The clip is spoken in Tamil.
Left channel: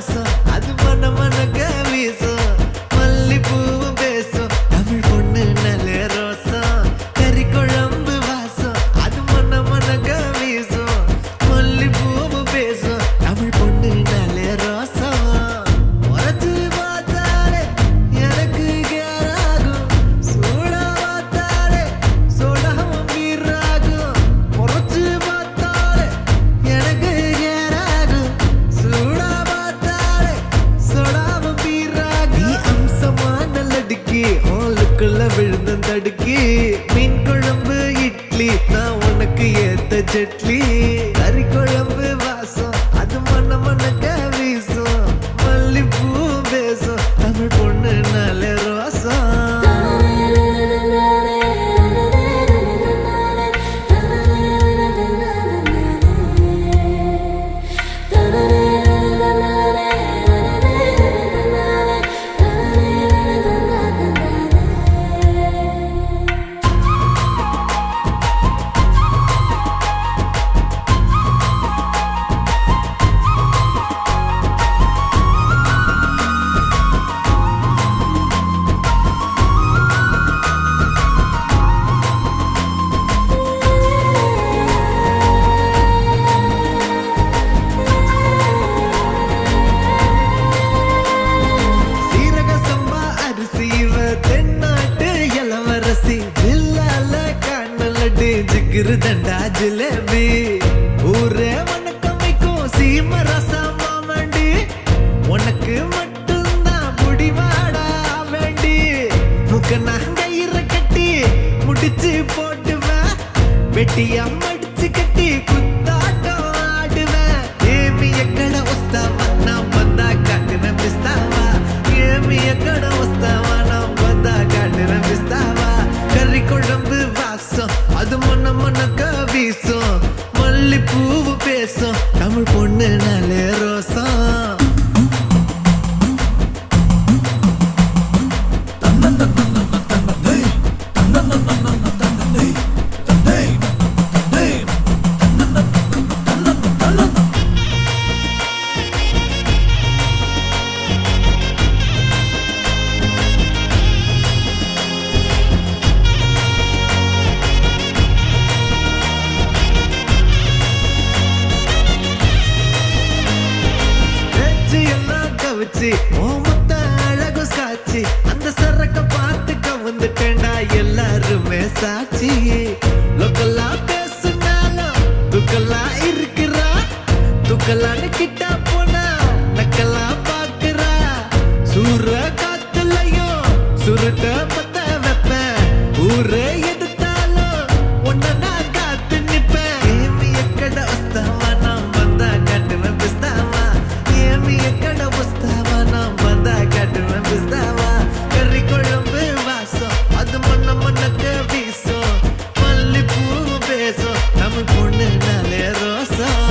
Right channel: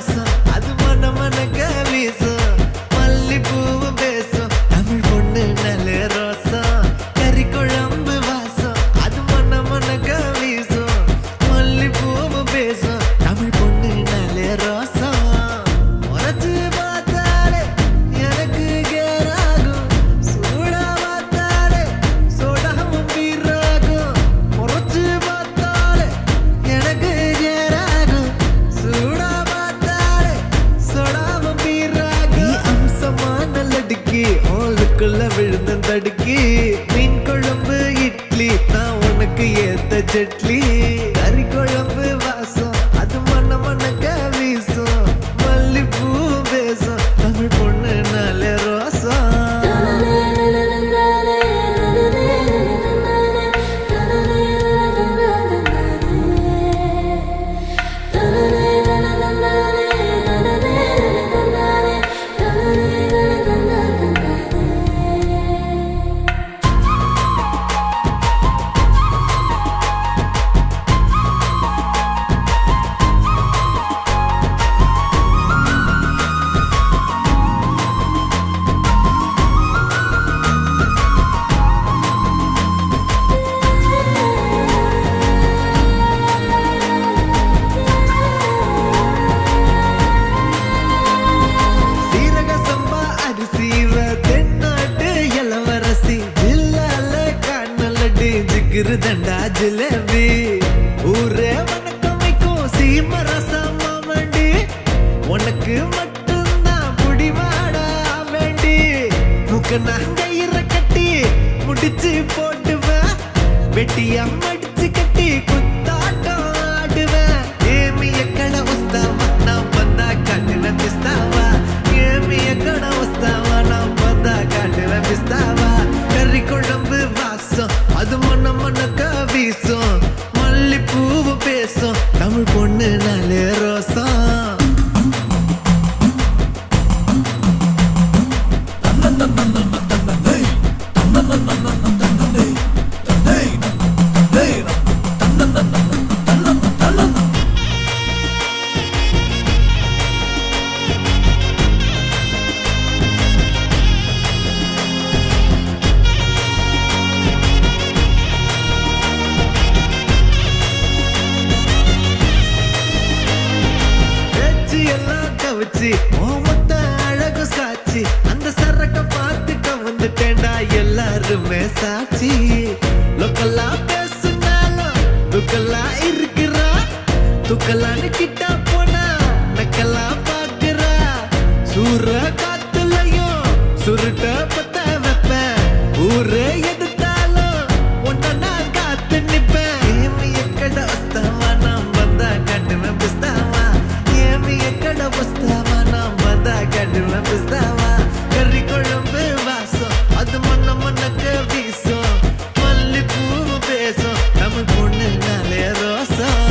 வாசம் அது மன மனக்க வீசும் மல்லிப்பூவும் பேசும் தமிழ் பொண்ணு நல்ல ரோசம் கறி குழம்பு வாசம் அது மன மனக்க வீசும் மல்லிப்பூவும் பேசும் தமிழ் பொண்ணு நல்ல ரோசம் முறைச்சு பார்த்தாலே எனக்கு கேராகும் சூடா பார்த்தாலே சோடாவும் வீராகும் முறைச்சு பார்த்தாலே எனக்கு கேராகும் சூடா பார்த்தாலே சோடாவும் வீராகும் அம்சமான லடுக்கி ஓலுக்குள்ள விழுந்த தடுக்கி மீன் குழம்பு இட்லி நான் உனக்கு ஏத்த சட்லி கறி குழம்பு வாசம் அது மன மனக்க வீசும் மல்லிப்பூ பேசும் தமிழ் பொண்ணு நல்ல ரோசம் சம்பா அரிசிவ தென்னாட்டு இளவரசி ஜில்லால காணலடு ஜிகிரு தண்டா ஜிலேபி ஊரே வணக்கம் வைக்கும் சீம ரசமா வேண்டி உனக்கு மட்டும்தான் புடிவாடா வேண்டி முக்க நாங்கயிற கட்டி முடிச்சு போட்டுவேன் வெட்டியா மடிச்சு கட்டி குத்தாட்டம் ஆடுவேன் ஏமிய கடை உஸ்தாவா நான் வந்தா காட்டுவேன் பிஸ்தாவா ஏமிய கடை உஸ்தாவா நான் வந்தா காட்டுவேன் பிஸ்தாவா கறி குழம்பு வாசம் அது மன மனக்க வீசும் மல்லிப்பூவு பேசும் தமிழ் பொண்ணு நல்ல ரோசம் எல்லாம் கவிச்சு ஓமத்த அழகு காட்சி அந்த சரக்க பார்த்து கவுந்துட்டேன்டா எல்லாருமே சாட்சி லோக்கல்லா பேசுனாலும் துக்கல்லா இருக்கிறா துக்கல்லான்னு கிட்ட போனா நக்கல்லா பாக்குறா சூற காத்துலயும் சுருட்ட பத்த வைப்பேன் ஊரே எதிர்த்தாலும் உன்ன நான் காத்து நிப்பேன் ஏமிய கடை வஸ்தாவா நான் வந்தா காட்டுவேன் பிஸ்தாவா ஏமிய கடை புஸ்தாவா நான் வந்தா காட்டுவேன் பிஸ்தாவா கறி குழம்பு வாசம் அது மண்ண மண்ணக்க வீசும் மல்லிப்பூவும் பேசும் தமிழ் பொண்ணு நாளே ரோசம்